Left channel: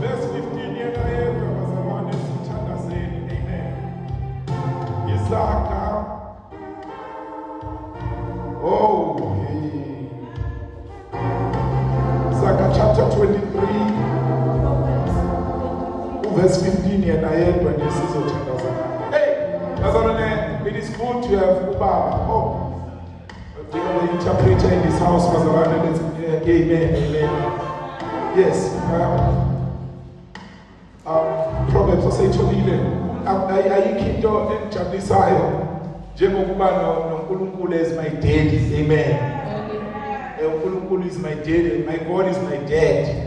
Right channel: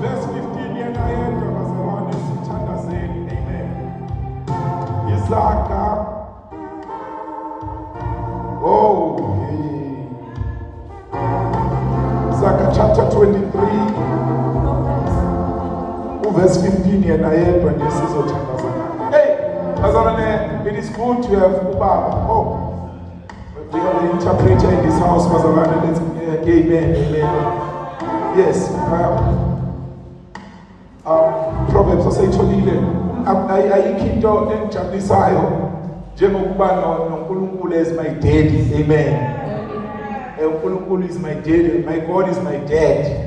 Verse 15 yena yedwa bazalwane sithandazeni. Amen. Isaka. Oh, hey. Isaka chapter 23. Verse 15 yena yedwa nje sizothandazana. Hey, bazalwane, it is good to have ubaba. Oh, we have the interpreter in this house, bazalwane. Let's amen, amen. Yes. Proverbs asayitholile ayikho into engijabulisayo njengokuba noNkulunkulu as my daddy. Amen. uNkulunkulu is my daddy. My God is my dad.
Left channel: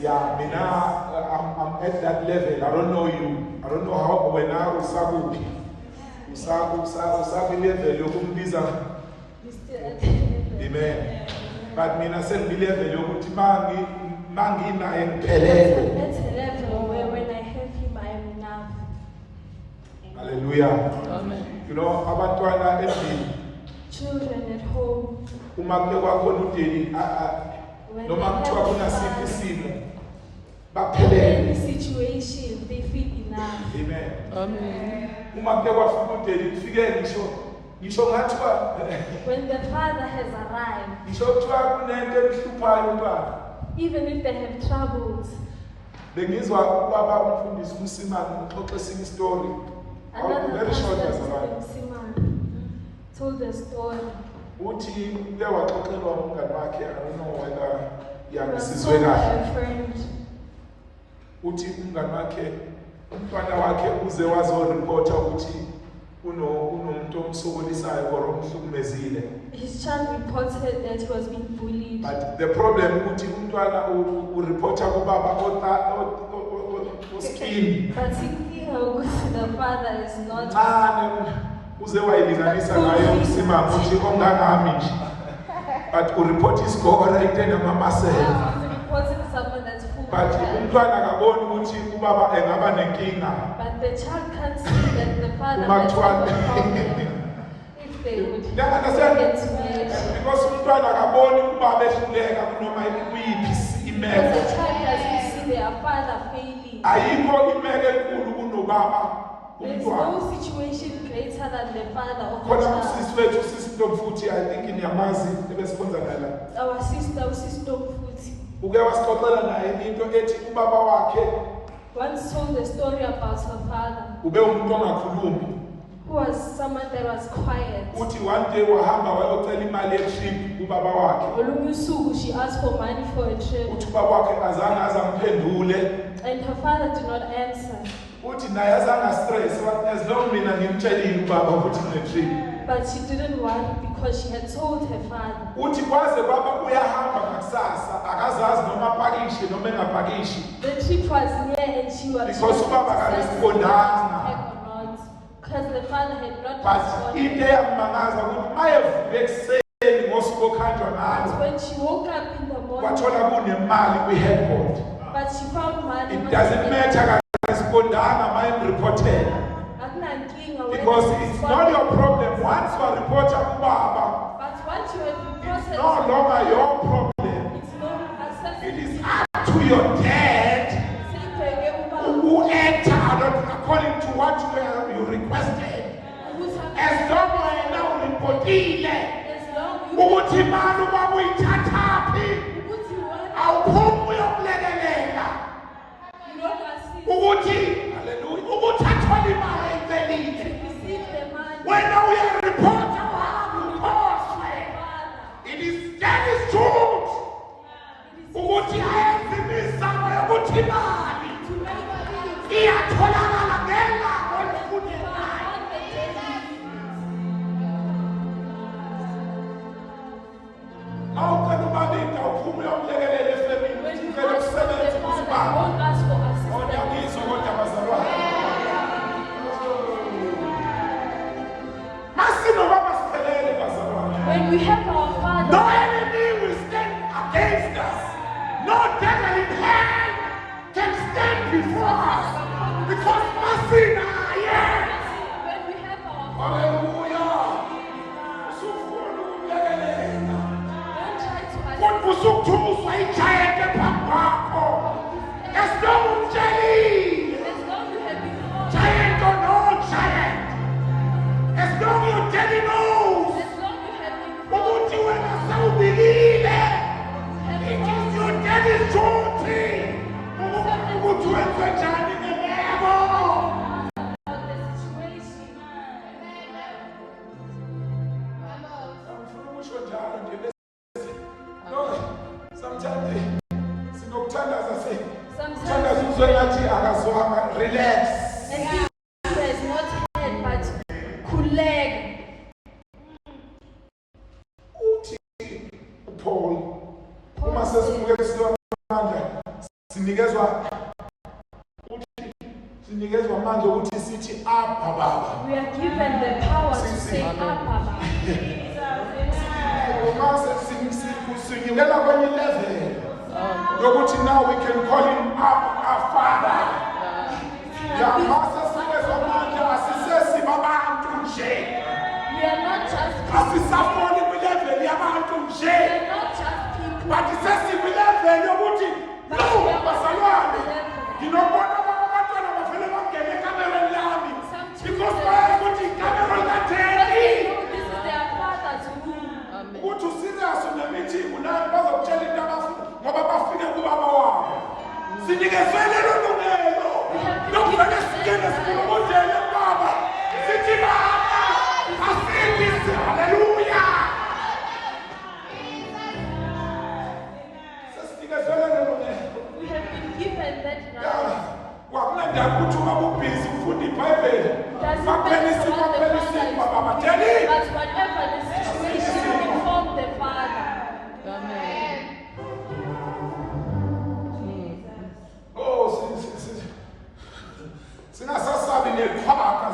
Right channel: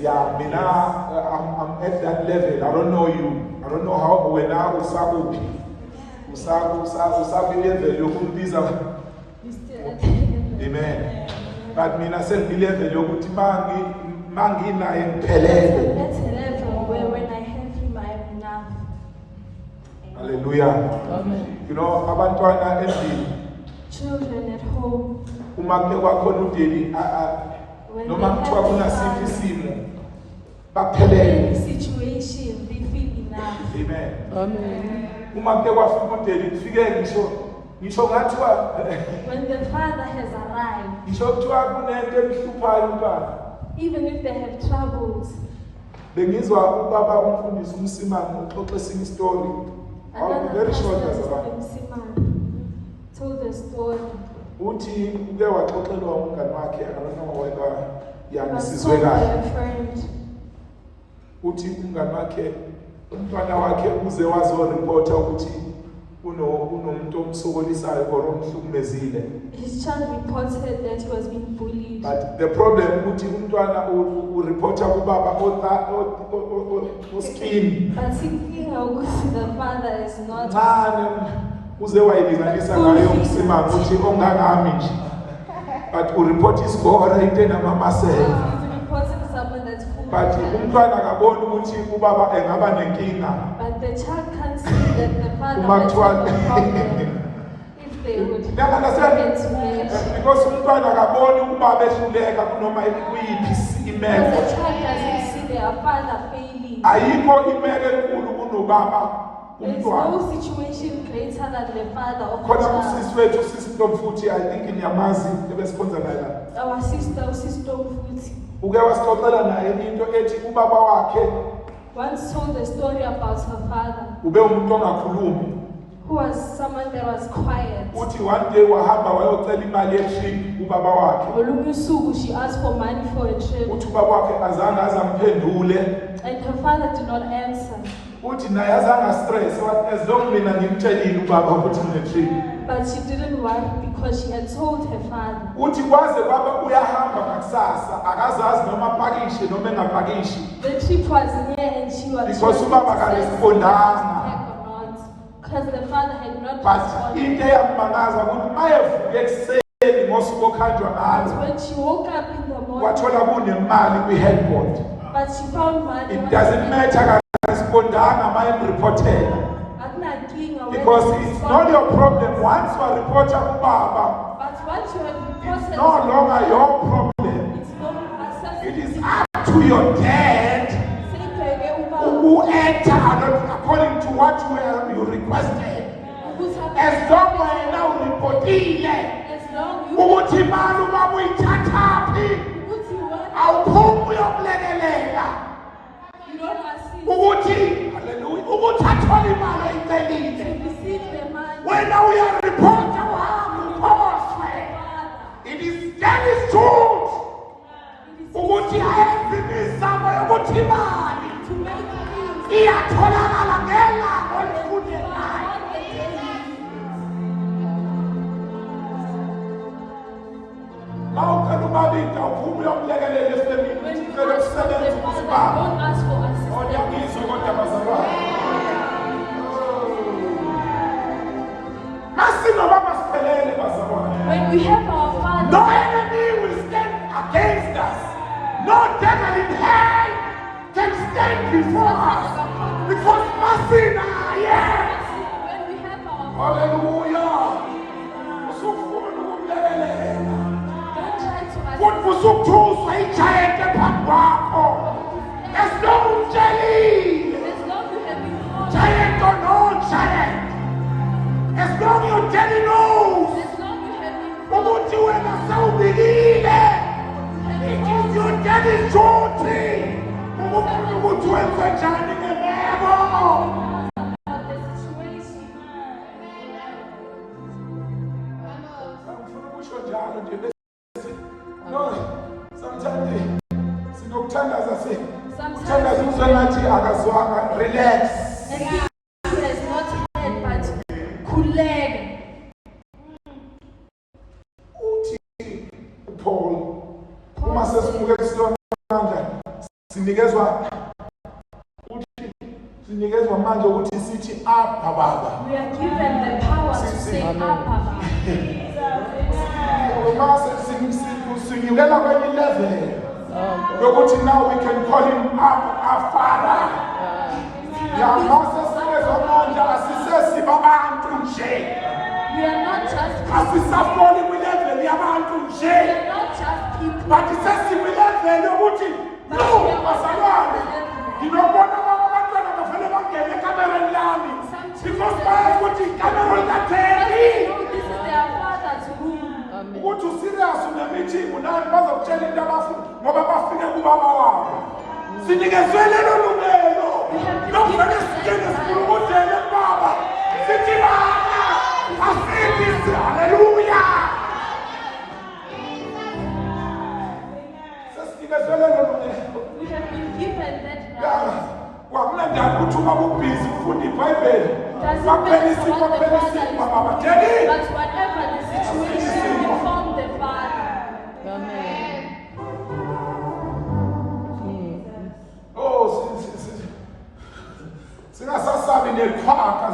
Yeah, mina I'm at that level. I don't know you. I don't know how when I usakuphi. Usabi level yokumbiza. Amen. But mina sengi level yokuthi mangi naye ngiphelele. That's a level where when I have him I am enough. Hallelujah. Amen. You know, abantwana endlini. Children at home. Uma ke kwakhona udeli noma kuthiwa kunasiphi isimo baphelele. Situation they feel enough. Amen. Uma ke kwafika udeli kufike ngisho ngathiwa when the father has arrived. Ngisho kuthiwa kunento emhluphayo umntwana. Even if they have troubles. Bengizwa ubaba umfundisi uMsimane uxoxa esinye story. Very short as about. Told the story. Uthi uke waxoxelwa umngane wakhe, I don't know whether yangisizwe kahle. Uthi umngane wakhe umntwana wakhe uze wazoreporta ukuthi unomuntu omsokolisayo or omhlukumezile. His child reported that he was being bullied. But the problem uthi umntwana ureporta kubaba oskin. But thinking the father is not. Uze wayilinganisa nayo umsimama uthi ongangami nje. But ureport isikora into namamasela. But umntwana akaboni ukuthi ubaba engaba nenkinga. But the child can't see that the father has a problem. If they would get to marriage. Because umntwana akaboni ubaba ehluleka kunoma kuyiphi imeko. The child doesn't see their father failing. Ayikho imeko enkulu kunobaba. There is no situation greater than the father of the Khona child. umsisi wethu usisindo mfuthi I think niyamazi ebesikhonza naye la. Our sister Futhi. Uke wasixoxela naye into ethi ubaba wakhe once told the story about her father. Ube umuntu ongakhulumi. Who was someone that was quiet. Uthi one day wahamba wayocela imali ye-trip ubaba wakhe. Olukusuku she asked for money for a trip. Uthi ubaba wakhe azange azamphendule. And her father did not answer. Uthi naye azange stress as long mina ngimtshelile ubaba ukuthi ngine-trip. But she didn't worry because she had told her father. Uthi kwaze baba uyahamba ngakusasa akazazi noma apakishe noma engapakishi. The trip was near and she was because ubaba akarespondanga. Because the father had not responded. But into eyammangaza ukuthi mayevuka ekuseni ngosuku okhanjwa ngalo. When she woke up in the morning. Wathola kunemali kwi-headboard. But she found money. It doesn't matter akarespondanga mayemreportela. Because it's not your problem. Once you are reported Baba, but once you have reported, it's no longer your problem. It is up to your dad who entered according to what you requested. As long as you now reportile, ukuthi imali ubaba uyithathaphi awuphumi uyokulekelela ukuthi hallelujah ukuthi athole imali oyicelile wena uyaripota uhambe ukhoswe. It is truth ukuthi ayenze imizamo yokuthi imali iyatholakala ngelanga olifunekayo. Awukhona ubaba into awuphumi uyomlekelela efemini ucela ukusebenza ukuthi baba oyangizwa kodwa bazalwane. When we have our father, no enemy will stand against us. No devil in hell can stand before us. Because mercy now, yes. When we have our Hallelujah. usukuthuswa igiant ephambi kwakho. There's no jelly. Giant or no giant. As long as your daddy knows. Ukuthi wena sawubikile. It is your daddy's duty. Ukuthi wenze njani ngemeko. No, sometimes sinokuthandaza uthandaza uzwe ngathi akazwanga. Relax. And he has not heard but khuleka. Uthi Paul uma sesibuke kusilonamandla sinikezwa amandla ukuthi sithi apha baba. We are given the power to say apha. Sinyukela kwenye level yokuthi now we can call him our father. Ya mase sikezwa amandla asisesi babantu nje. We are not just asisafoli kwilevel yabantu nje. we are not just people. But sesilevel yokuthi no bazalwane nginobona abantwana bafele bangene ekamereni lami because bayazi ukuthi ikamera likatheni. This is their father's room. Ukuthi userious unemeeting nani bazokutshela into abafuna ngoba bafike kubaba wabo. Sinikezwe lelo lungelo lokuvele singene sikhulumele baba sithi baba asithi haleluya. Sesinikezwe lelo lungelo. We have been given that right. Kwakunandaba ukuthi uma ubhizi ufunda iBhayibheli Doesn't baphela matter isipho what the phela father isipho is baba doing, tell him. but whatever the situation, we inform the father. Oh, singasasabi neqhaka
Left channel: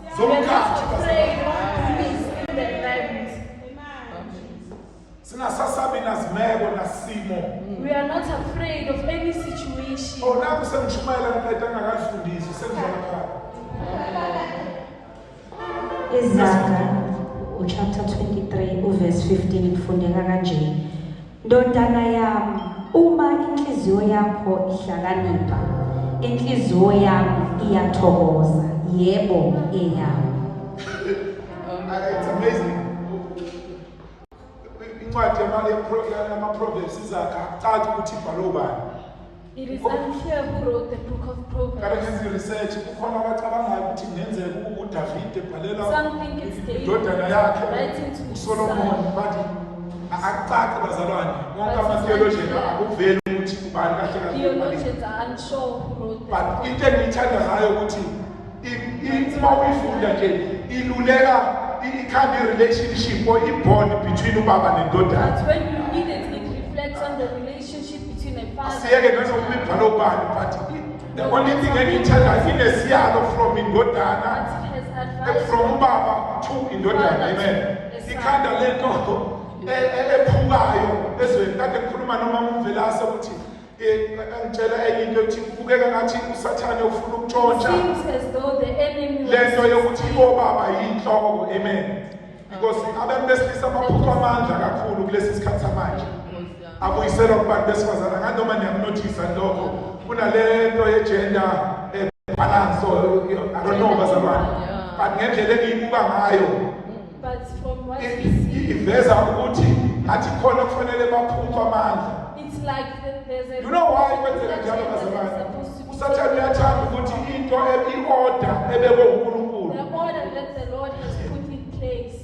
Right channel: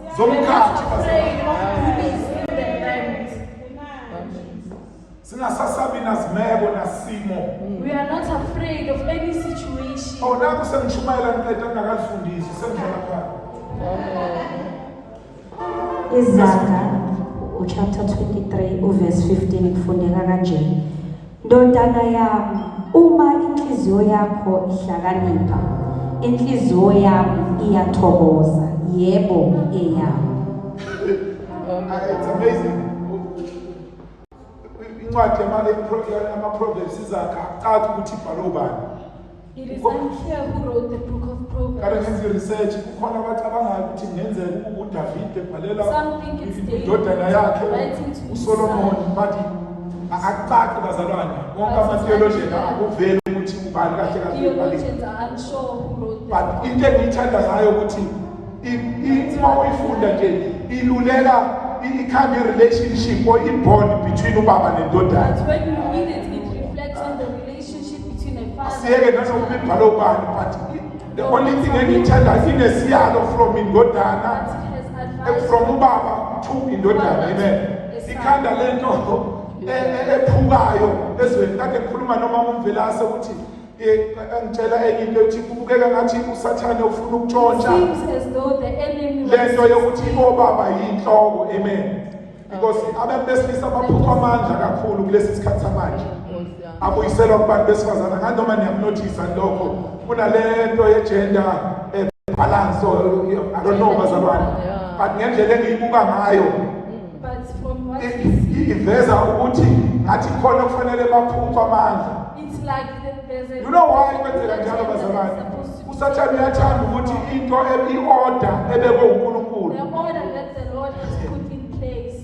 We are zomkhathi not afraid of boobies in the realms. singasasabi nazimeko nasimo. We are not afraid of any situation. Oh, naku sengishumayela ngiqeda ngakalifundisi sengizona phakathi. Izaga chapter 23 verse 15 kufundeka kanje. Ndodana yami, uma inhliziyo yakho ihlakanipha, inhliziyo yami iyathokoza, yebo eyami. It's amazing. Incwadi yama-Proverbs izakha akucaci ukuthi ibhalwe ubani. It is unclear who wrote the book of Kade Proverbs. ngenza i-research kukhona abantu abangazi ukuthi kungenzeka uDavide ebhalela Some think it's David indodana yakhe writing to his uSolomon, son. but akucaci bazalwane. Wonke ama-theologian akuveli ukuthi ubani kahle kahle ebhalile. Theologians are unsure who wrote the But book. into engiyithandayo ukuthi uma uyifunda nje iluleka ikhanda i-relationship or i-bond between ubaba nendodana. But when you read it, it reflects on the relationship between a father Asiyeke and nanokuba child. ibhalwe ubani, but the only thing engiyithandayo inesiyalo from indodana But it has advice from ubaba to indodana. Amen. Ikhanda lento ephukayo ezweni kade ngikhuluma nomama uMvelase ukuthi angitshela enye into ukuthi kubukeka ngathi usathane ufuna ukutshontsha seems as though the enemy lento yokuthi obaba yinhloko. Amen. Because abantu besilisa baphupha amandla kakhulu kulesi sikhathi samanje. Abuyiselwa kubantu besifazana nganoma niyakunothisa lokho kunalento ye-gender balance, I don't know bazalwane, but ngendlela engiyibuka ngayo but from what we see, iveza ukuthi ngathi khona kufanele baphupha amandla. it's like there's a You know why kwenzeka njalo bazalwane? Usathane uyathanda ukuthi into i-order ebekwe uNkulunkulu the order that the Lord has put in place.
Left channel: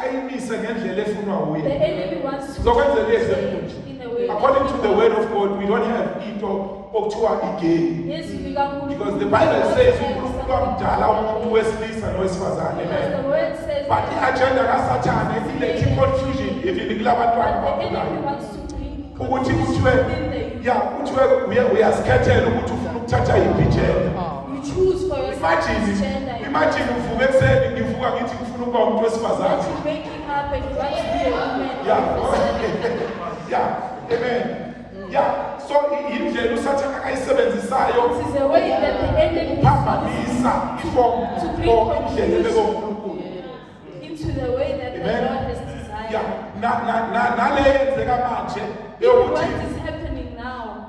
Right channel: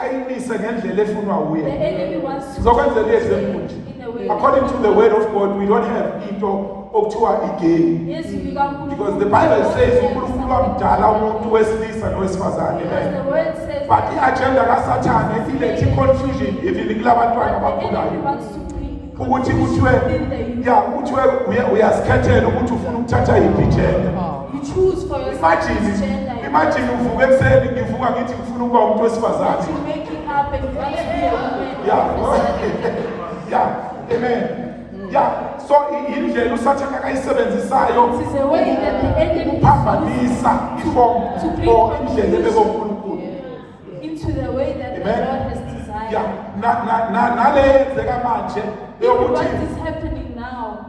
ayimise ngendlela efunwa The uye. enemy wants to Zokwenza take lezi it zempunzi. in a way. According to the word of God, we don't have into okuthiwa igay. Yes, you can Because the Bible says uNkulunkulu wamdala umuntu wesilisa nowesifazane. because Amen. the word says But i-agenda kaSathane ilethe confusion even kulabantwana the enemy abakhulayo. wants to bring Ukuthi confusion kuthiwe within the youth. kuthiwe uyazikhethela ukuthi ufuna ukuthatha yiphi igenda. You choose for yourself which gender you Imagine uvuka ekuseni ngivuka ngithi ngifuna ukuba umuntu want. wesifazane. You waking up and you want to be a woman. Yeah. Amen. So indlela usathane akayisebenzisayo It is a way that the enemy ukuphambanisa iform or indlela ebekwe uNkulunkulu. into the way that the Amen. Lord has designed. Yeah, naleyenzeka manje What is happening now?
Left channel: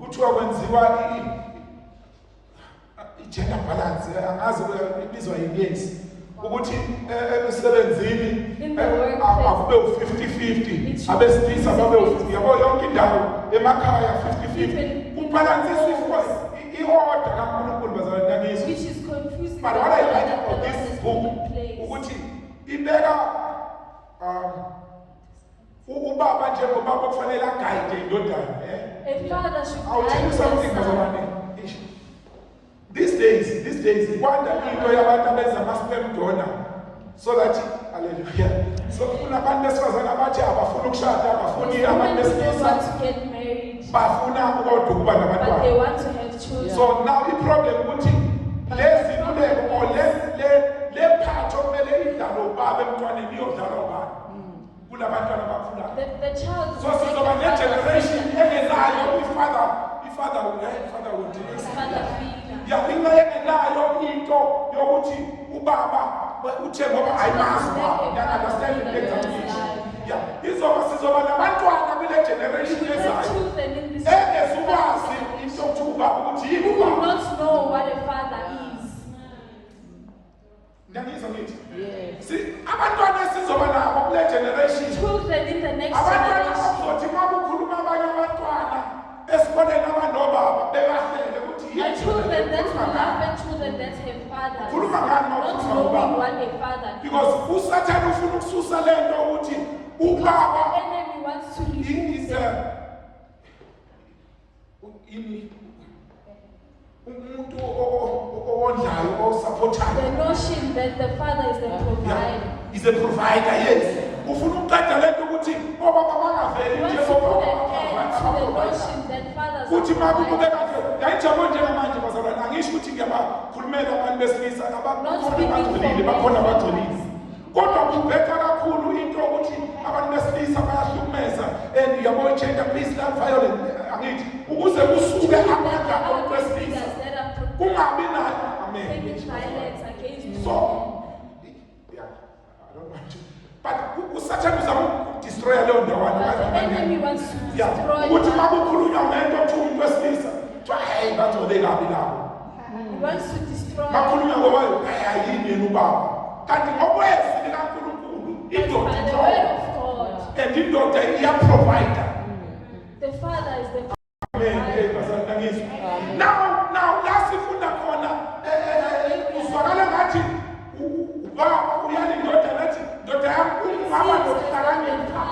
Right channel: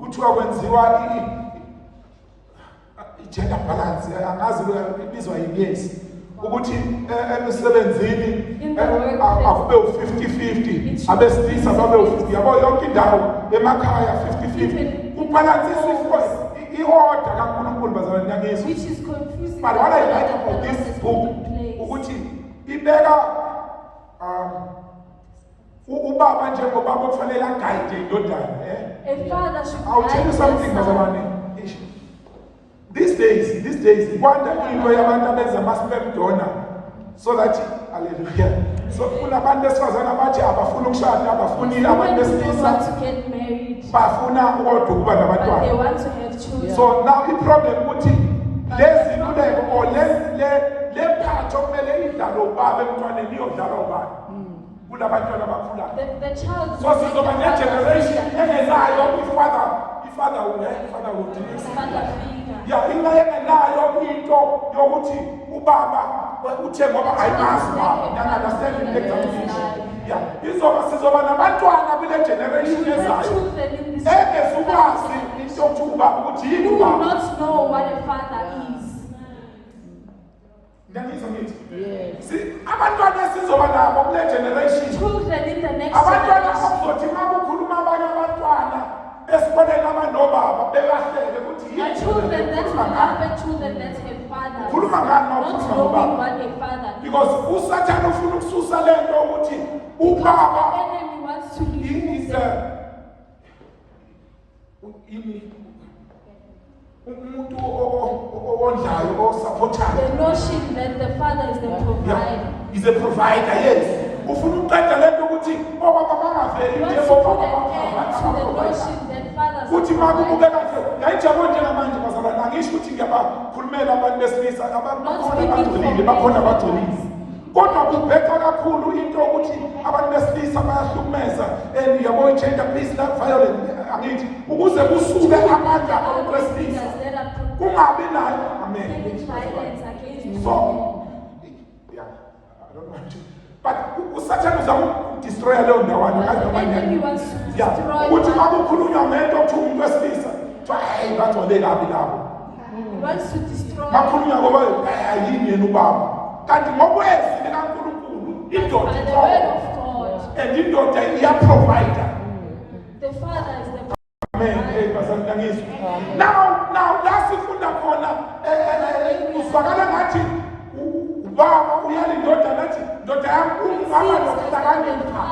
Kuthiwa kwenziwa i-gender balance, angazi ibizwa yini, yes, ukuthi emsebenzini akube u-50-50, abesilisa babe u-50, yabo yonke indawo emakhaya 50-50, ubalansiswa i-order kaNkulunkulu bazalwane ngakizwa. Which is confusing. But what I like about this book ukuthi ibeka ubaba njengoba kufanele aguide indodana. A father should I'll tell you something bazalwane. These days, wonder into yabantu abenza ama-sperm donor so that, hallelujah. So kunabantu besifazana abathi abafuna ukushada, abafuni abantu besilisa, bafuna kodwa ukuba nabantwana. They want to have children. So now the problem ukuthi lezi luleko or le part okumele idlalo ubaba emntwaneni iyodlala ubani kulabantwana abakhulayo. The child. So sizoba ne-generation engenayo i-father would yeah, ingenayo into yokuthi ubaba uthe ngoba ayimazi ubaba, understand the examination. Yeah, sizoba nabantwana kule generation ezayo engezukwazi into yokuba ukuthi yini Who will ubaba. not know what a father is. Ndangizwa ngithi si abantwana sizoba nabo kule generation, Children in the next abantwana generation. bazothi uma kukhuluma abanye abantwana esiboneni abanobaba bekahlele ukuthi The children that will have the children that have fathers. Khuluma ngani uma Not ukhuluma knowing ngobaba? what a father is. Because uSathane ufuna ukususa lento ukuthi ubaba The enemy wants to remove is them. umuntu owondlayo osupportayo. The notion that the father is the Yeah, provider. he's a provider, yes. Ufuna ukuqeda lento ukuthi obaba bangaveli Wants nje to put obaba an end to the abaprovider. notion that fathers Kuthi are makubuke providers. kanje yayijabo njengamanje bazalwane, angisho ukuthi ngiyabakhulumela abantu besilisa abakhona abagcolile, bakhona abagcolile, kodwa kubheka kakhulu into ukuthi abantu besilisa bayahlukumeza and yabo gender based violence, angithi ukuze kusuke amandla abantu besilisa kungabi nayo. Amen. So yeah, I don't want to, but uSathane uzama ukudestroya leyo ndawana Enemy wants to yeah, destroy ukuthi fathers. makukhulunywa ngento ukuthi umuntu wesilisa kuthiwa hey bagcole kabi labo, He wants to destroy. makhulunywa ngoba ayini yena ubaba, kanti ngokwezwi likaNkulunkulu indoda By the ikhona word of God, and indoda iyaprovider. the father is the Amen. Bazalwane ngizwa. Now la sifunda khona uzwakala ngathi ubaba uyala indoda nathi ndoda yami ungaba nokuhlakanipha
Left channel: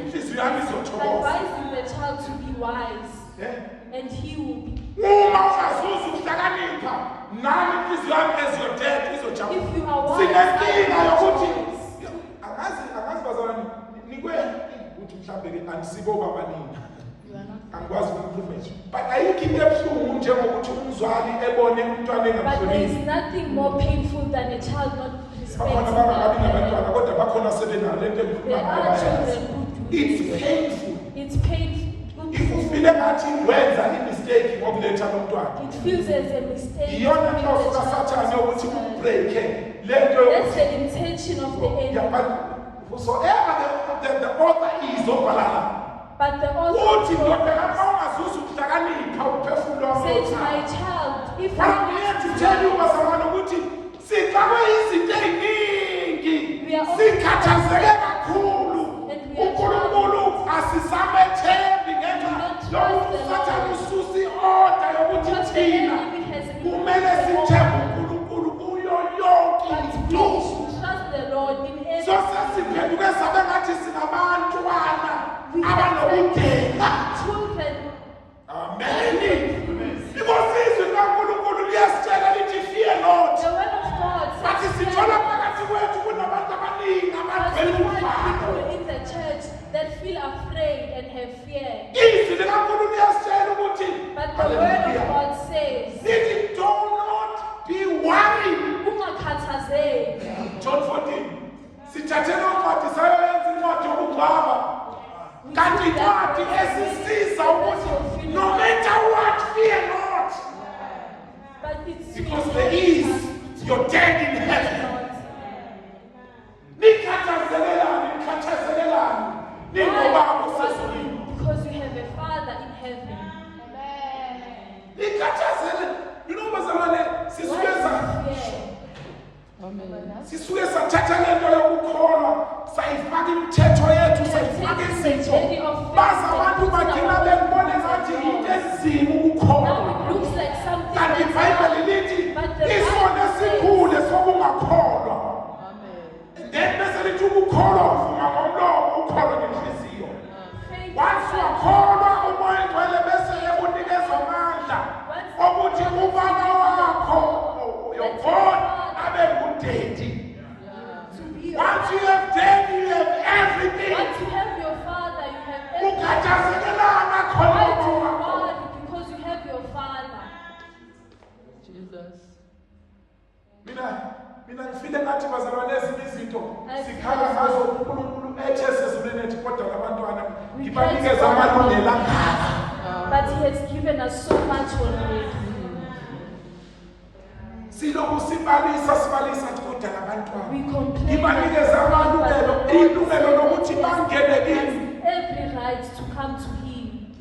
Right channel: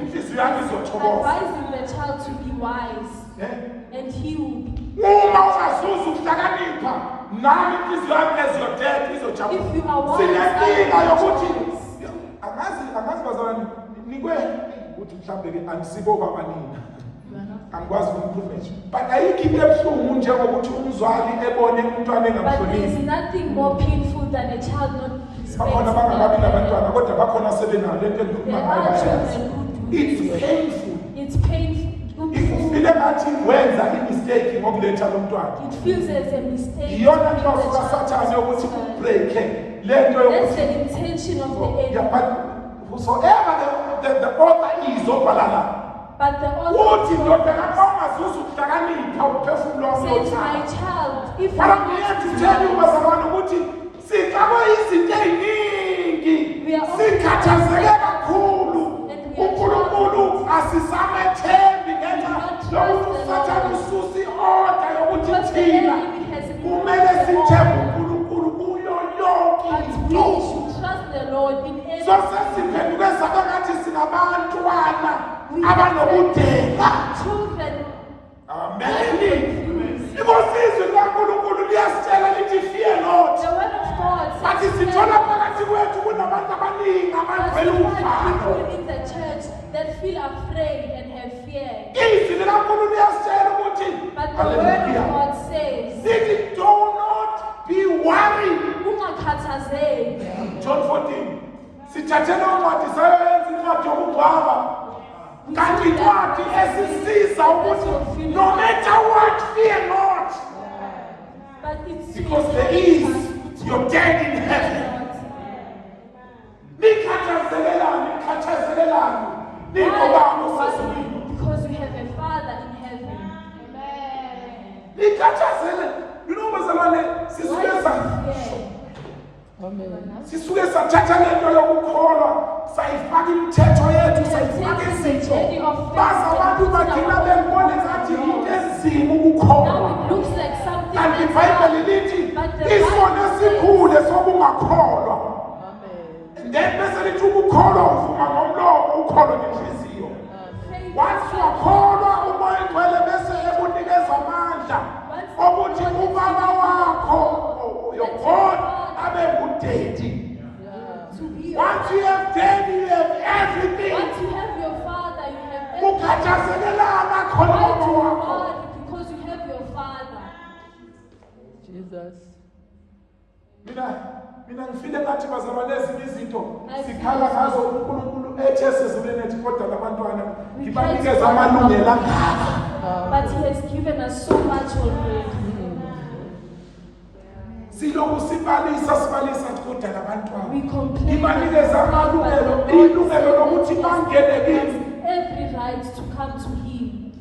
inhliziyo yami izothokoza. advising the child to be wise, and he will be. Uma ungazuza ukuhlakanipha nami inhliziyo yami eziyodeda izojabula. If you are wise, Sinenkinga yokuthi I angazi bazalwane nikwe ukuthi mhlambe ke andisibo babanini. Angikwazi ukukhuluma, but ayikho into ebuhlungu njengokuthi umzali ebone umntwana But there is engamhloniphi. nothing more painful than a child not Bakhona respecting abangakabi their nabantwana kodwa bakhona sebenayo lento engikhuluma There ngayo are bayazi. children It's painful. It's painful. If ufile ngathi wenza imistake ngokuletha lo mntwana, It feels as a mistake. iyona to nto bring the yokuba child Sathane to yokuthi God. ukubreake lento That's yokuthi the intention of the enemy. yeah, but whosoever the author is obhalala But the uthi ndoda author kama ungazuza ukuhlakanipha uphefumulo wami says, othanda. my child, if you But I'm want here to to tell you know, bazalwane ukuthi sifakwe izinto eziningi, sikhathazeke kakhulu. uNkulunkulu asisamethembi ngenxa yokuthi uSathane ususa i-order yokuthi because the thina enemy has kumele sithembe uNkulunkulu kuyo yonke but into. we should trust the Lord in everything. So sesiphenduke sabe ngathi sinabantwana abanobudela. Children, Amen. Because izwi likaNkulunkulu liyasitshela lithi fear not. the word of God But says, sithola phakathi kwethu kunabantu abaningi abavela find umfano. people in the church that feel afraid and have fear. Izwi likaNkulunkulu liyasitshela ukuthi But the word of hallelujah. God says, Sithi do not be worried. ungakhathazeki. John 14. Sithathele incwadi sayo yenza incwadi yokugcwaba. Kanti incwadi esisiza ukuthi no matter what fear not. But it's Because there is your dad in heaven. Nikhathazelelani Sisuke sathatha lento yokukholwa sayifaka imithetho yethu sayifaka izinto baza abantu bagcina bembona ngathi into enzima ukukholwa kanti iBhayibheli lithi isono esikhulu sokungakholwa then bese lithi ukukholwa uvuma ngomlomo ukholwa ngenhliziyo once wakholwa umoya ngcwele bese ekunikeza amandla ukuthi ubaba wakho your God abe ngudedi. Once you have dead, you have everything. Once you have your father, you have everything. Ukhathazelelanga khona baba wakho. Because you have your father. Jesus. Mina ngifile ngathi bazalwane ezinye izinto sikhala ngazo uNkulunkulu ethe sezulwini ethi kodwa labantwana ngibanikeza amalungelo angaka. But he has given us so much already. Siloku sibalisa kodwa labantwana We complain. ngibanikeza amalungelo ilungelo lokuthi bangene kimi. Every right to come to him.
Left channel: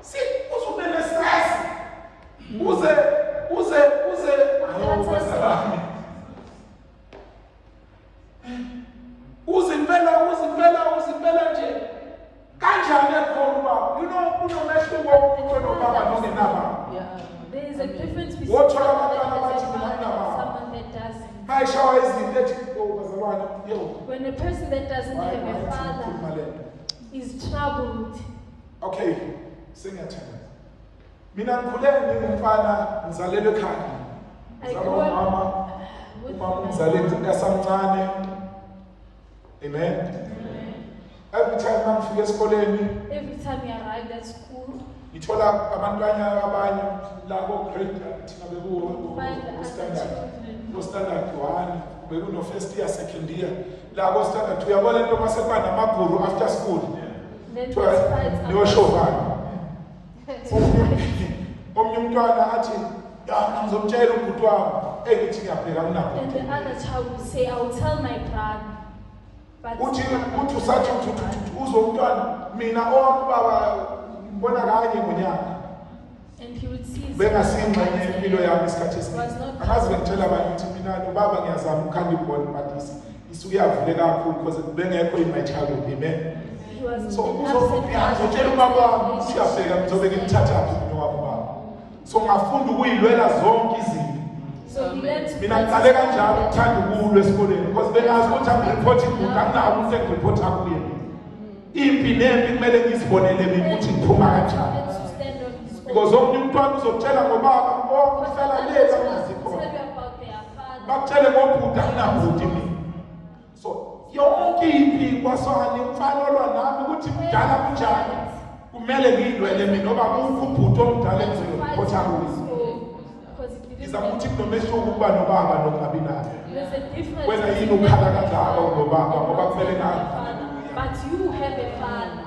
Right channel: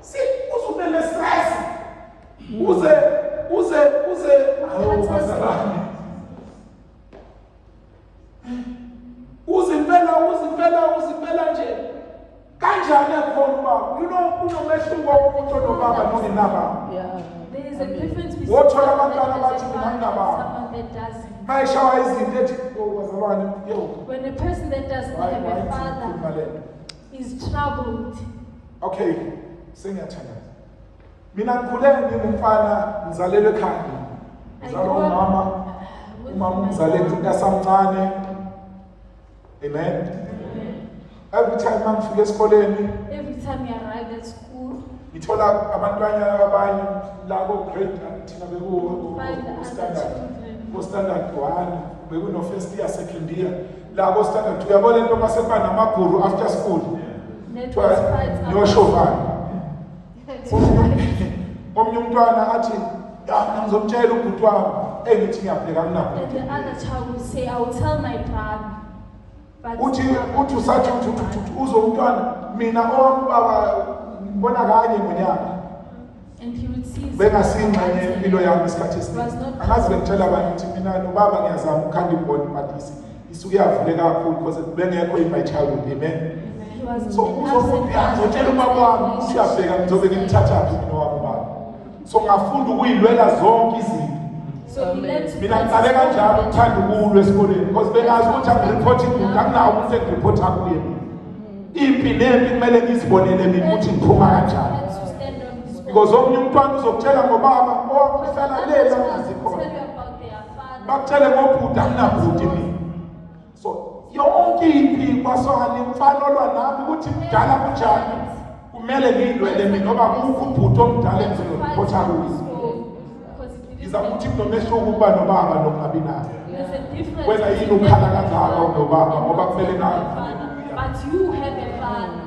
Si uzumele stress. Uze ayo bazalwane. Uzimpela nje. Kanjani ekhona ubaba? You know kunomehluko womuntu nobaba nongenababa. There is a difference between Wothola abantwana bathi mina nginababa. someone that doesn't. Mayishawa izinto ethi bazalwane yo. When a person that doesn't have a father is troubled. Okay, singiyathanda. Mina ngikhule ngingumfana ngizalelwe ekhaya. Ngizalwa umama ungizalele esamncane. Amen. Every time ngifika esikoleni, Every time you arrive at school, ngithola abantwana abanye la ko grade thina bekuwo standard 1 bekuno first year second year la ko standard 2 uyabona into maseba namaguru after school. Niyoshoba. Omnye umntwana athi ngizomtshela ubhuti wami engithi ngiyabheka kunabo. and the other child will say, I will tell my brother. But Uthi usathi uzomntwana mina baba ngibona kanye ngonyaka. and he would see his Bengasingxenye impilo yami isikhathi esiningi. Angazi bengitshela abantu ukuthi mina nobaba ngiyazama ukhanda ibhondi but isuke yavuleka kakhulu because bengekho in my childhood. Amen. he was So uzotshela ubaba wami siyabheka ngizobe ngimthatha mina wami baba. So ngafunda ukuyilwela zonke izinto. so he learned to Mina ngiqale kanjalo ukuthanda ukulwa esikoleni because bengazi ukuthi angireport ibhuku anginawo umuntu engireport kuye. Impi nempi kumele ngizibonele mina ukuthi ngiphuma kanjani. Because omnye umntwana uzokutshela ngobaba owafela lela ngazikhona. Bakutshele ngobhuti anginabhuti mina. So yonke impi kwasona umfana olwa nami ukuthi kudala kunjani kumele ngilwele mina ngoba kukho ubhuti omdala engizoreport kuye. Izama ukuthi kunomehluko ukuba nobaba nokungabi naye. Wena yini ukhala kangaka ngobaba ngoba kumele ngazi. But you have a father.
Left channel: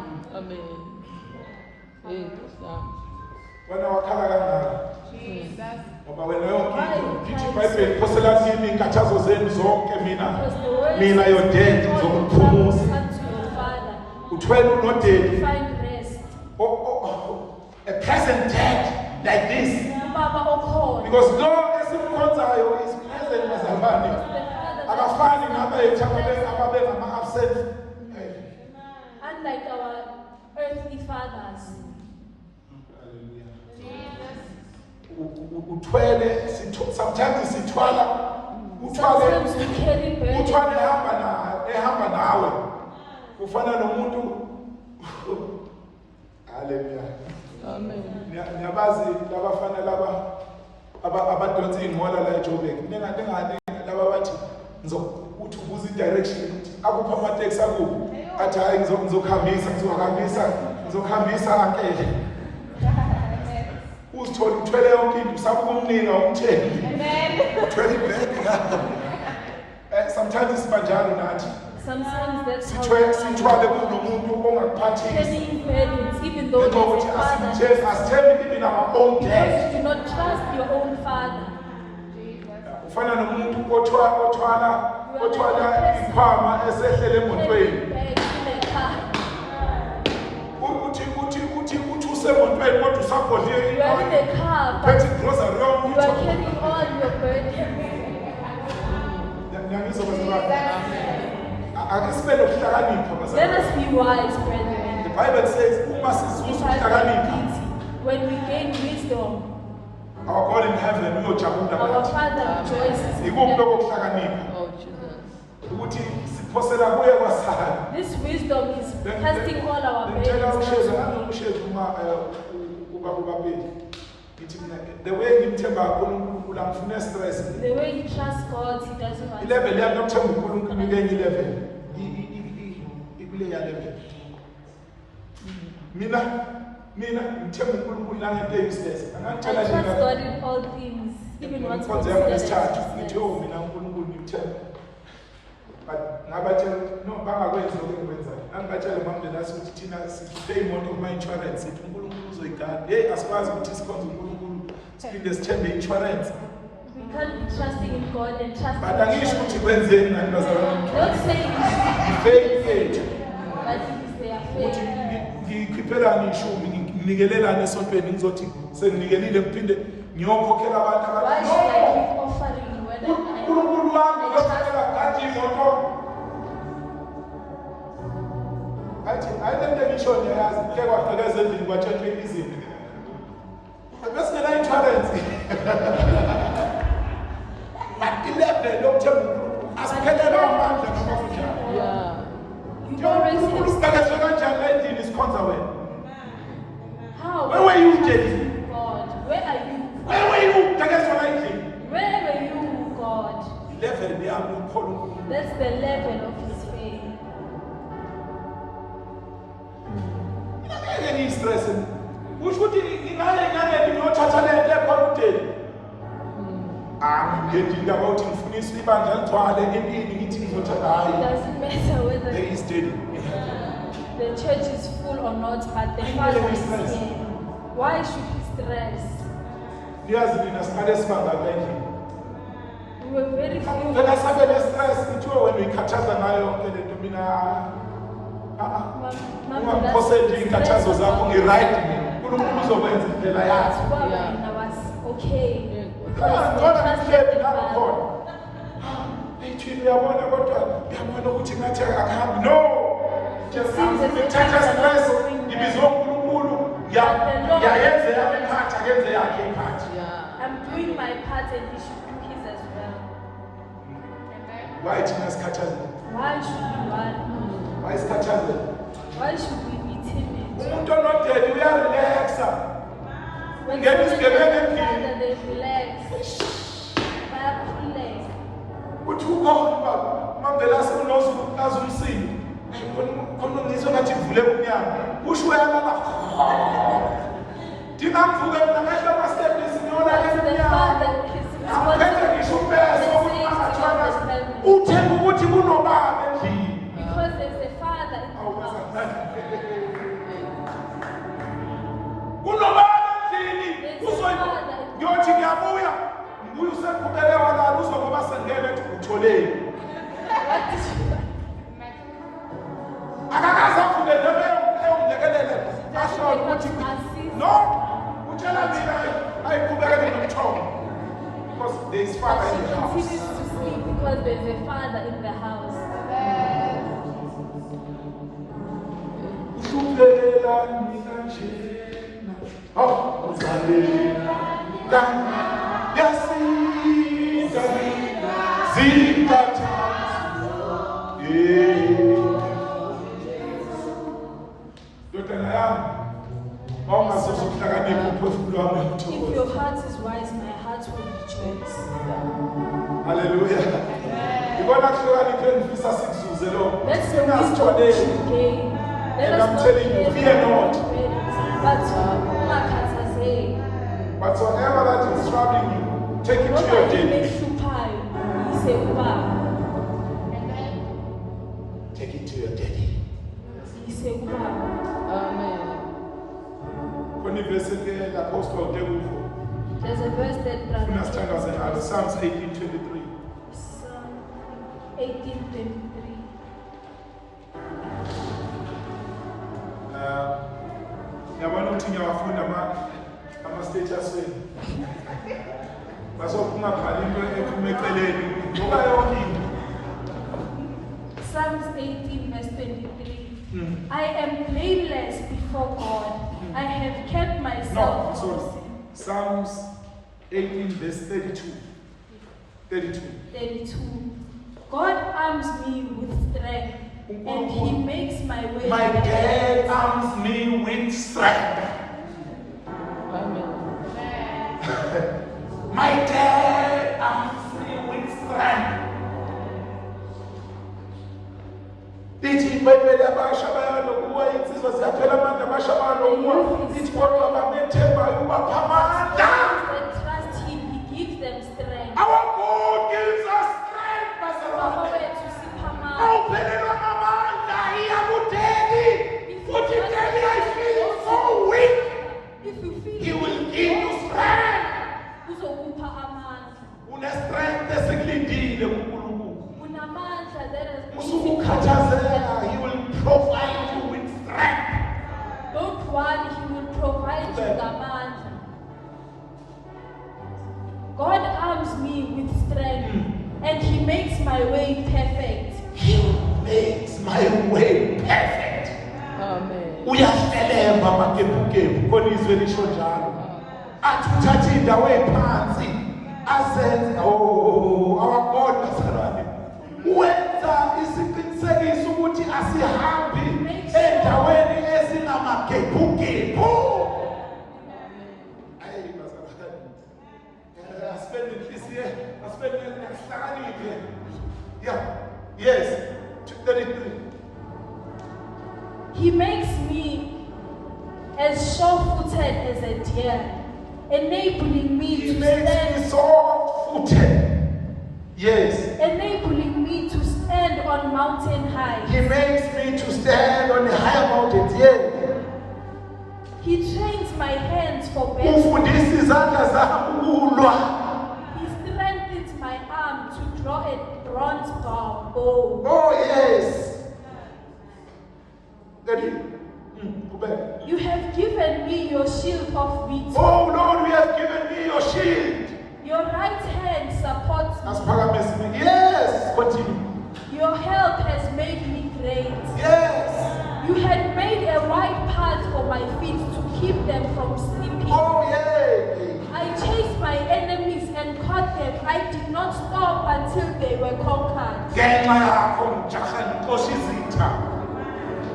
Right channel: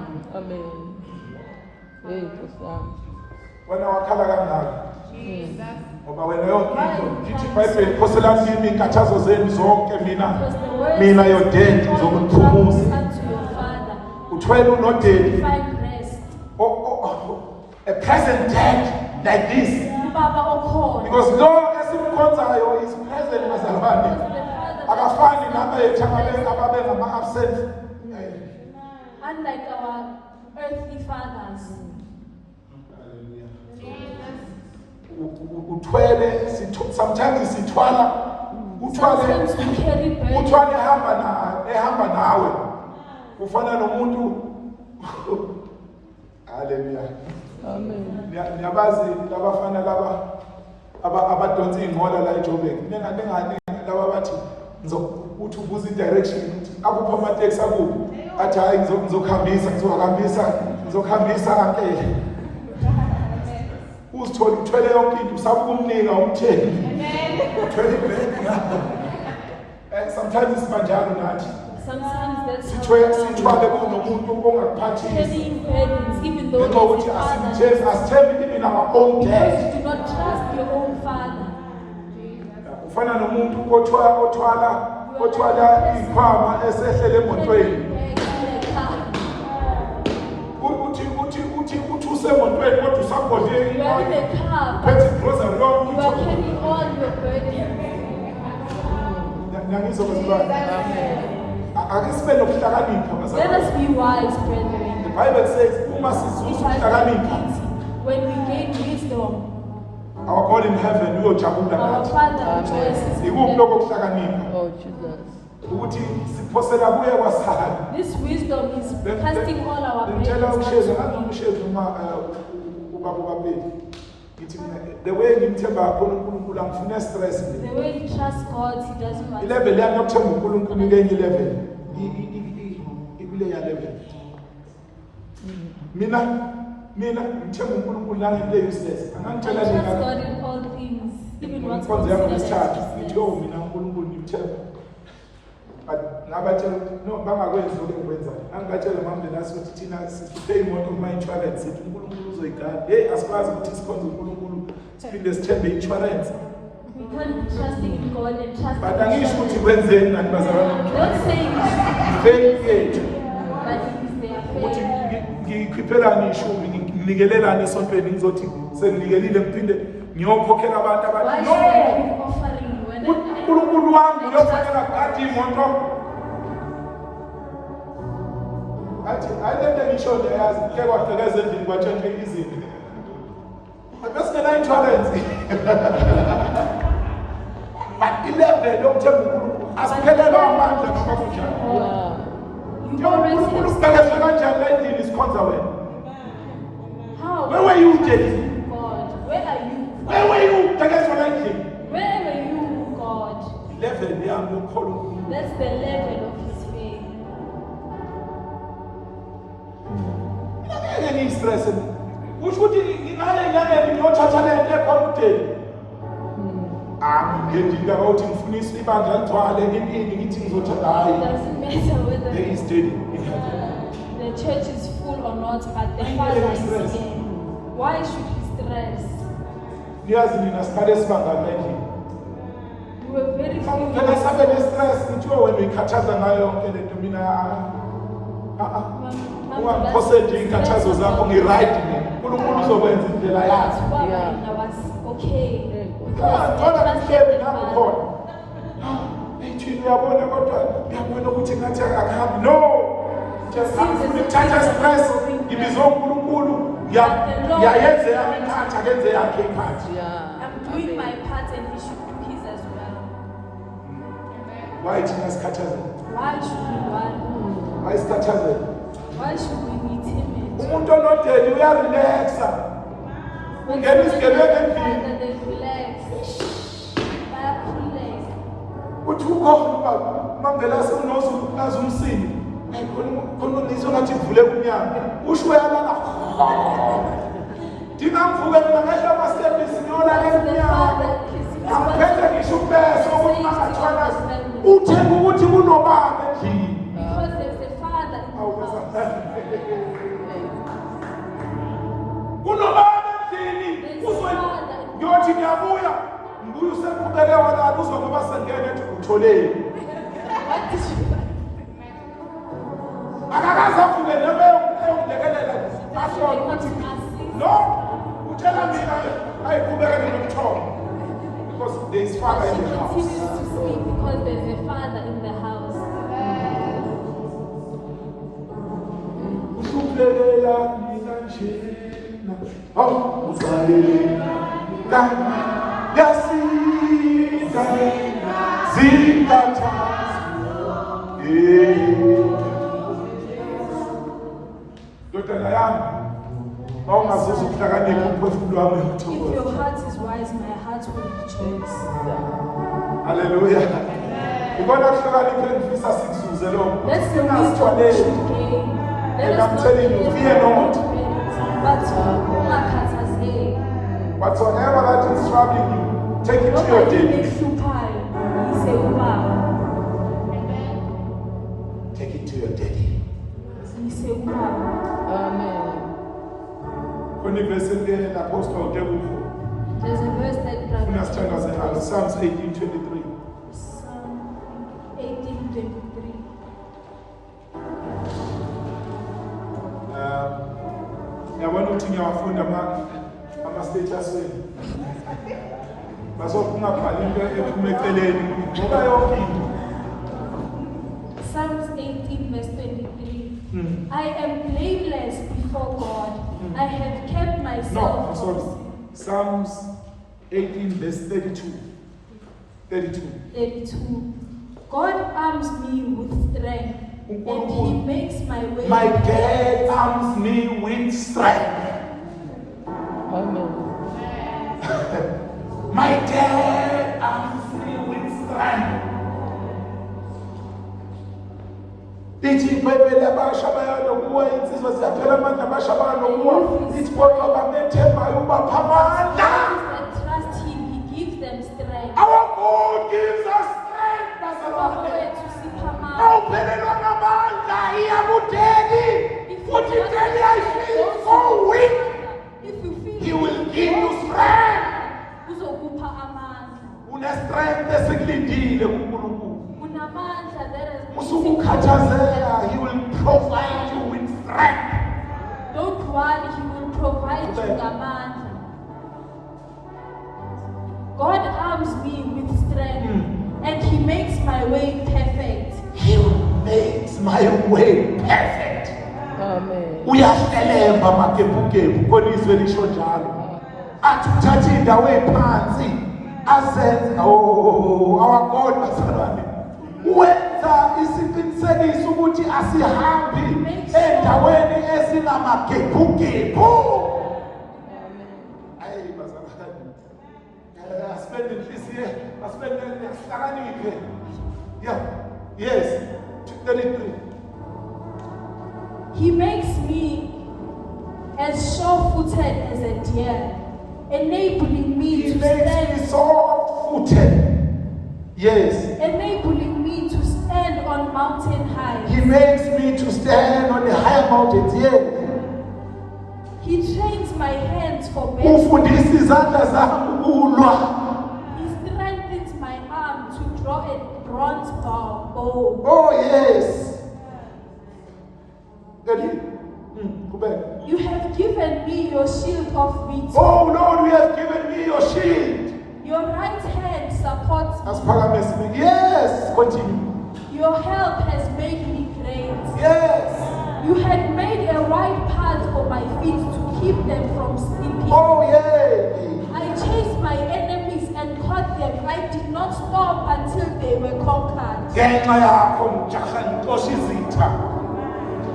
Wena wakhala kangaka. Ngoba wena yonke into ngithi iBhayibheli ikhosela kimi inkathazo zenu zonke mina your dad ngizokuphumuza. Uthwele unodedi. Find rest. A present dad like this. Because lo esimkhonzayo is present bazalwane. Akafani nabe ababe ngama absent. Unlike our earthly fathers. Uthwele sometimes sithwala uthwale ehamba nawe ufana nomuntu haleluya niyabazi labafana laba abadonsa ingqola la eJoburg ningane laba bathi uthi ubuza direction ukuthi akupha ama taxi akuphi athi hayi ngizokuhambisa ankele uzithola uthwele yonke into usakumnika umthengi uthwele ibag sometimes sibanjalo nathi sithwale kunomuntu ongakuphathisi even though ukuthi asithembi even our own dad. do not trust your own father. Ufana nomuntu othwala ikhwama esehlele emotweni uthi usemotweni kodwa usabhodle uphethe grocery yonke. You are carrying all your burden. Ngiyangizokwenza ake sibe nokuhlakanipha Let bazalwane. us be wise, brethren. The Bible says uma sizuza ukuhlakanipha, When we gain wisdom, our God in heaven uyojabula our nathi. Father rejoices. Ikuphi lokho ukuhlakanipha? Oh, Jesus. Ukuthi siphosela kuye kwasala. This wisdom is casting all our Ngitshela burdens. ushezi ushezi uma ubabeli. Ngithi mina the way ngimthemba kakhulu uNkulunkulu angifune stress. The way he trusts God, he doesn't want Ilevel yami yokuthemba uNkulunkulu ngenye level. Ikule ya level. Mina ngithemba uNkulunkulu nangento useless. Angangitshela I trust nina. God in all things, even what's Konze yami ngesithathu considered. ngithi oh mina uNkulunkulu ngimthemba. But ngabatshela no bangakwenzi lokho engikwenzayo. Angibatshela manje nasi ukuthi thina sikhiphe imoto kuma insurance sithi uNkulunkulu uzoyigada. Hey asikwazi ukuthi sikhonze uNkulunkulu siphinde sithembe insurance. We can't be trusting in God and trusting But in angisho ukuthi God. kwenzeni nani bazalwane. Don't say it, Faith yethu but it is their ukuthi faith. ngikhiphelani ishumi nginikelelane esontweni ngizothi senginikelile ngiphinde ngiyokhokhela abantu Why abathi should I no keep offering when uNkulunkulu wami uyofanele ukugada imoto ayilento ngisho ngiyazi ke kwaqhekeza endlini kwatshentshwe izinto besingena insurance but ilevel yokuthemba uNkulunkulu asiphelelwa amandla noma kunjani. you always uNkulunkulu siqeqeshwe kanjani la endlini sikhonza wena? how? Where were you, Daddy? God, where are you? Where were you? Qeqeshwa la endlini. Where were you, God? Level yami yokukholwa uNkulunkulu. That's the level of his faith. Ngeke ngiyistress. Kusho ukuthi ngingaya enyangeni ngiyothatha lento ekhona uDaddy. Ngiyedinga ukuthi ngifunisa ibandla ligcwale empini ngithi ngizothatha It hayi. doesn't matter whether There is Daddy in heaven. the church is full or not, but the Why Father is stress? here. Why should he stress? Niyazi nina siqale sibanga la endlini. We were very few. Phela sabe ne-stress ngithi wena uyikhathaza ngayo yonke lento mina ungaphose nje inkathazo zakho ngi-right mina. uNkulunkulu uzokwenza indlela yakhe. Baba, and I was okay. Ngcono ngihlebi nami khona. Ethini uyabona kodwa ngiyabona ukuthi ngathi akahambi. No. Ngifuna ukuthatha stress ngibizwe uNkulunkulu yayenze yami iphathi akenze yakhe iphathi. I'm doing my part and he should do his as well. Why thina sikhathaza? Why should we worry? Why sikhathaza? Why should we be timid? Umuntu onodeli uyarelaxa. Ungena isigebengu endlini. Father, they relax. Relax. Uthi ukhona mambela sinozu nazo umsini. Khona ngizwe ngathi ivule umnyango. Usho uyalala. Dingamvuka mina ngehla ama steps ngiyolala emnyango. Angiphethe ngisho ubese okungathwana. Uthenga ukuthi kunobaba endlini. Because there's a Father in the house. Kunobaba endlini. Ngiyothi ngiyabuya. Ngibuya useqhubeke walala uzwa ngoba sengene ethi utholeni. What did you buy? Akakaze avuke noma eyilekelela asho ukuthi no utshela mina ayiqhubekele nomthombo because there is Father in the She house. continues to sleep because there's a Father in the house. Uhluphelela mina njena awu uzalela kani yasinda zintatha Dodana yami mawungazuza ukuhlakanipha umphefumulo wami If uyakuthokoza. your heart is wise, my heart will rejoice. Hallelujah. Ibona kuhlakanipha engifisa sikuzuze lo. Let's the Singasithwaleli. wisdom we gain. Let And us I'm not telling you, be fear not. But ungakhathazeki. Whatsoever that is troubling you, take it to your Nobody daddy. ekuhluphayo, yise ubaba. Take it to your daddy. Yise ubaba. Khona ivesi ke apostle Tekufu. There's a verse that Funa sithandaze ngalo Psalms 18:23. Psalm 18:23. Yabona ukuthi ngiyawafunda ama status wenu. Basophuma bhala into ephuma eceleni ngoba yonke into. Psalms 18 verse 23. I am blameless before God. I have kept myself. No, sorry. Psalms 18 verse 32. 32. God arms me with strength, and He makes my way. My dad arms me with strength. My dad arms me with strength. Ithi iBhayibheli abasha bayalokuwa insizwa ziyaphela amandla abasha bayalokuwa ithi kodwa bamethembayo ubapha amandla. Trust Him, He gives them strength. Our God gives us strength, bazalwane. Awuphelelwa ngamandla iyakudeli futhi deli I feel so weak. If you feel He will give you strength. uzokupha amandla. Une strength esikulindile kuNkulunkulu. Unamandla that is Usukukhathazela, He will provide you with strength. Don't worry, He will provide you ngamandla. God arms me with strength, and He makes my way perfect. He makes my way perfect. Uyafelemba makebukebu khona izwe lisho njalo. Athi uthatha indawo ephansi azenze our God bazalwane. Wenza isiqinisekiso ukuthi asihambi endaweni esinamagebugebu. Ayi bazalwane. Aspende inhliziyo, aspende yahlakaniphe. Yeah. Yes. 33. He makes me as sure-footed as a deer, enabling me He to makes me stand. soft-footed. Yes. Enabling me to stand on mountain heights. He makes me to stand on the higher mountains. Yes. He trains my hands for battle. Ufundisa izandla zami ukulwa. He strengthens my arm to draw a bronze bow. Oh yes. You have given me your shield of victory. Oh Lord, we have given me your shield. Your right hand supports me. Me. Yes. Continue. Your help has made me great. Yes. You had made a right path for my feet to keep them from slipping. Oh yeah. I chased my enemies and caught them. I did not stop until they were conquered.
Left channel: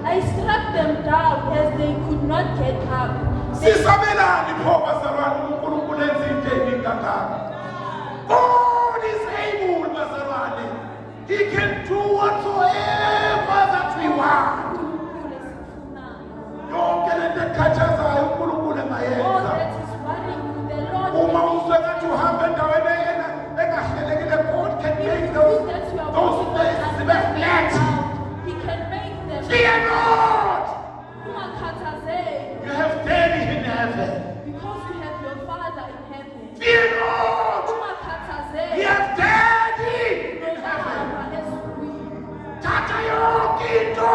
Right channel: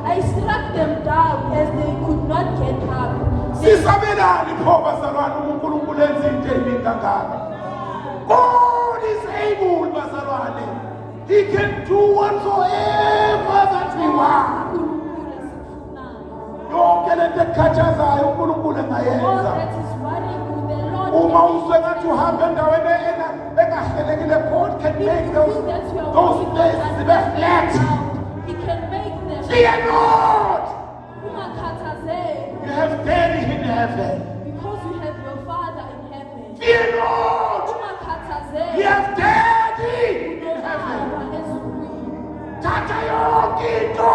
I struck them down as they could not get up. God is able, bazalwane. He can do whatsoever that we want. Yonke lento ekhathazayo uNkulunkulu All engayenza. that is worrying you, the Lord Uma can uzwe ngathi uhamba endaweni engahlelekile, God can make those days zibe flat. He can make them. Fear not. Umakhathazeki, You have daddy in heaven. because you have your Father in heaven. Fear not. Umakhathazeki, You have daddy in heaven. Baba ezulwini. Tata yonke into Take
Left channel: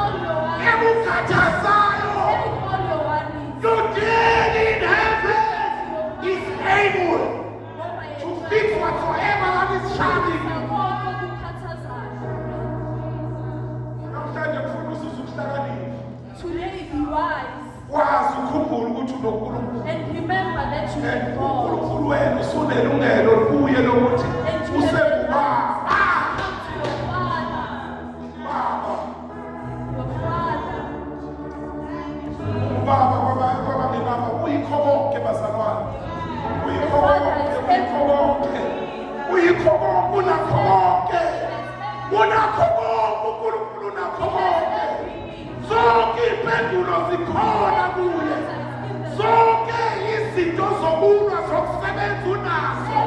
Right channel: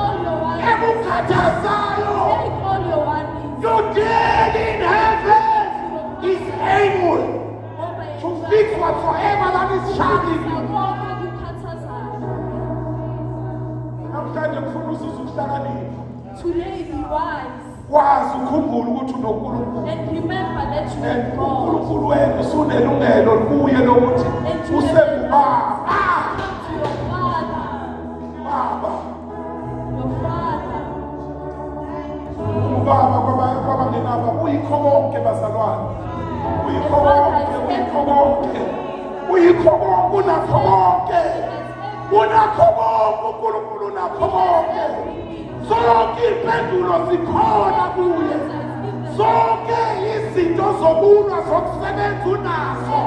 all your worries. ekukhathazayo. Take all your worries. Your daddy in heaven is able to fix whatsoever that is troubling you. Namhlanje ngifuna uzuze ukuhlakanipha. Today be wise Kwazi ukukhumbula ukuthi unoNkulunkulu. and remember that you And are God. uNkulunkulu wena usunelungelo kuye lokuthi And you usengubaba. come to your Father, Baba. your Father. Ubaba kwabangenaba uyikho konke bazalwane. Uyikho konke, uyikho konke. Uyikho konke, unakho konke. Unakho konke, uNkulunkulu unakho konke. Zonke impendulo zikhona kuye. Zonke izinto zokulwa zokusebenza unazo.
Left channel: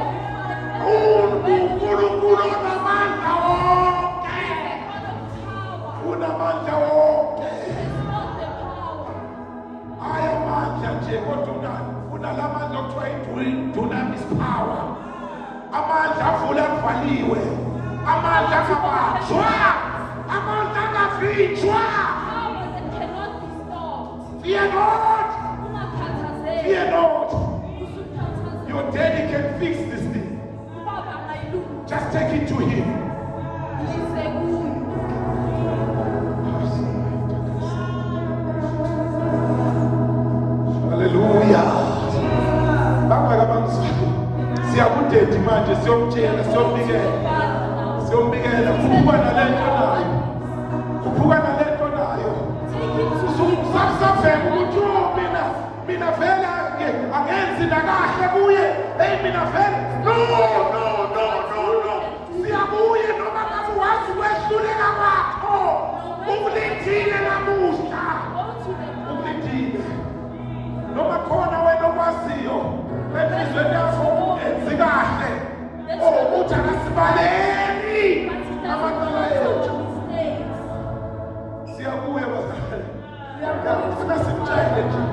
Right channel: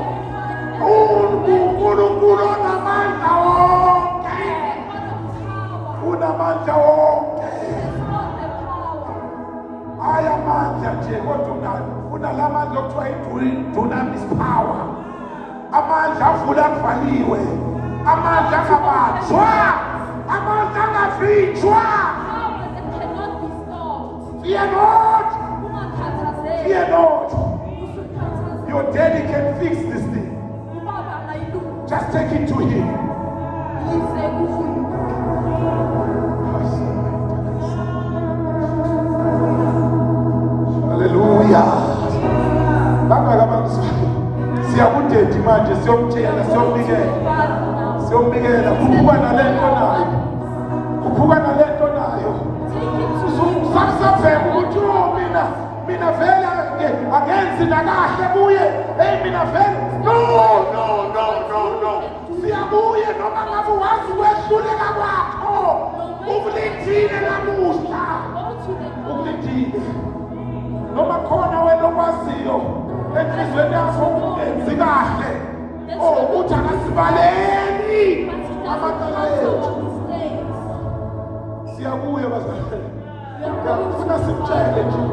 uNkulunkulu unamandla wonke. Unamandla wonke. Ayamandla nje kodwa unalamandla okuthiwa dunamis power. Amandla avula kuvaliwe. Amandla angabanjwa. Amandla angavinjwa. Powers that cannot be stopped. Fear not. Umakhathazeki, Fear not. usukhathazeki. Daddy can fix this thing. Just take it to him. Hallelujah. Siyakudedi manje siyomtshela siyombikela kuphuka nalento nayo. Kuphuka nalento nayo. Usabheka ukuthi mina vele agenzi nakahle kuye. Hey mina vele no. Siyabuye noma ngabe wazi kwehluleka kwakho. Ukulithile namuhla. Ukulithile. Noma khona wena okwaziyo enhlizweni yakho enzi kahle. Uthi akasibaleni amacala ethu. Siyabuya bazalwane. Ufuna simtshele nje.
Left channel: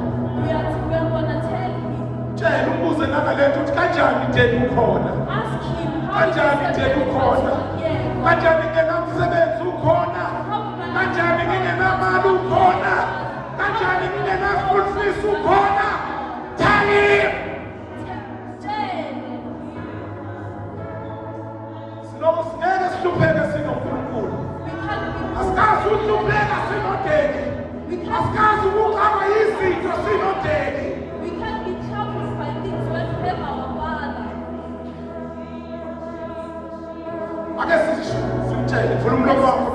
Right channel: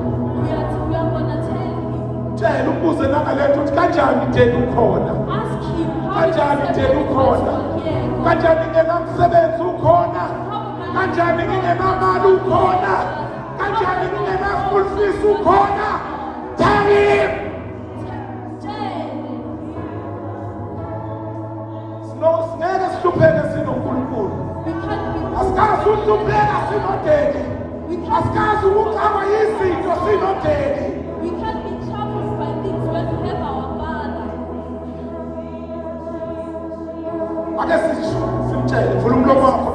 Tshela umbuze nangalethu ukuthi kanjani Daddy ukhona. Kanjani Daddy ukhona. Kanjani nginamsebenzi ukhona. Kanjani ngingenamali ukhona. Kanjani ngingena-school fees ukhona. Tell him. Singeke sihlupheke sinoNkulunkulu. Asikazi ukuhlupheka sino-Daddy. Asikazi ukuxakwa yizinto sino-Daddy. We can't be troubled by things when we have our Father. Ake simtshele, vula umlomo wakho